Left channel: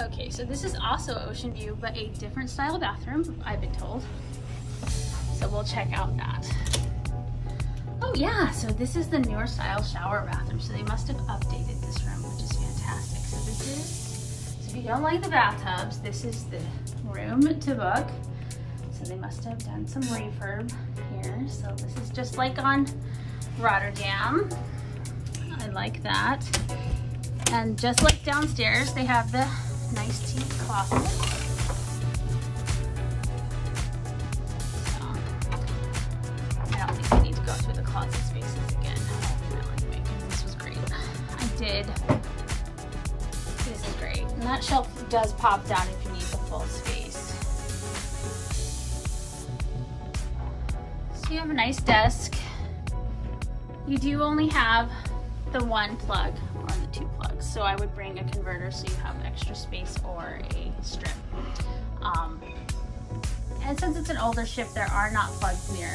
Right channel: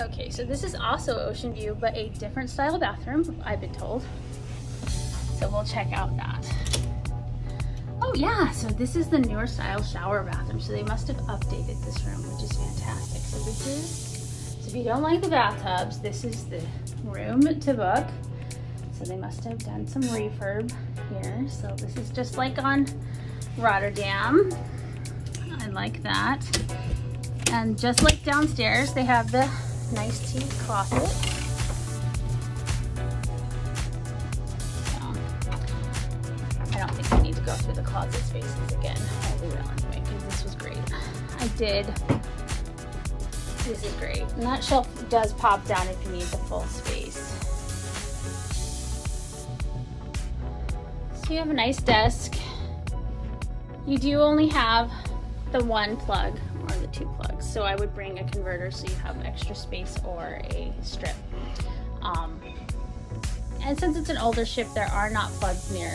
Okay, so this is also ocean view, but a different style bathroom, I've been told. So we'll check out that. Oh yeah, so this is the newer style shower bathroom. So they must have updated this room, which is fantastic. So this is, so if you don't like the bathtubs, this is the room to book. So they must have done some refurb here. So this is just like on Rotterdam. I like that. And just like downstairs, they have the nice tea closet. I don't think we need to go through the closet spaces again. This was great. This is great. And that shelf does pop down if you need the full space. So you have a nice desk. You do only have the one plug or the two plugs. So I would bring a converter so you have extra space or a strip. And since it's an older ship, there are not plugs near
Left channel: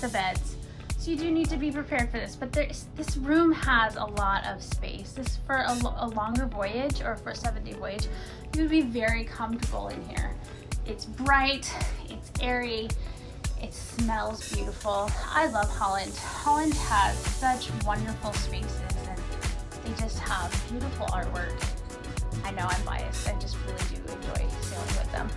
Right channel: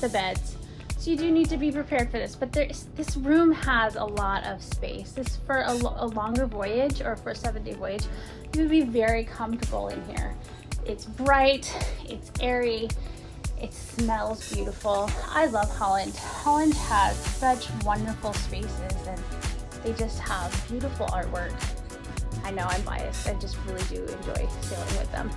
the beds. So you do need to be prepared for this, but this room has a lot of space. This for a longer voyage or for a 7-day voyage, you would be very comfortable in here. It's bright, it's airy, it smells beautiful. I love Holland. Holland has such wonderful spaces and they just have beautiful artwork. I know I'm biased, I just really do enjoy staying with them.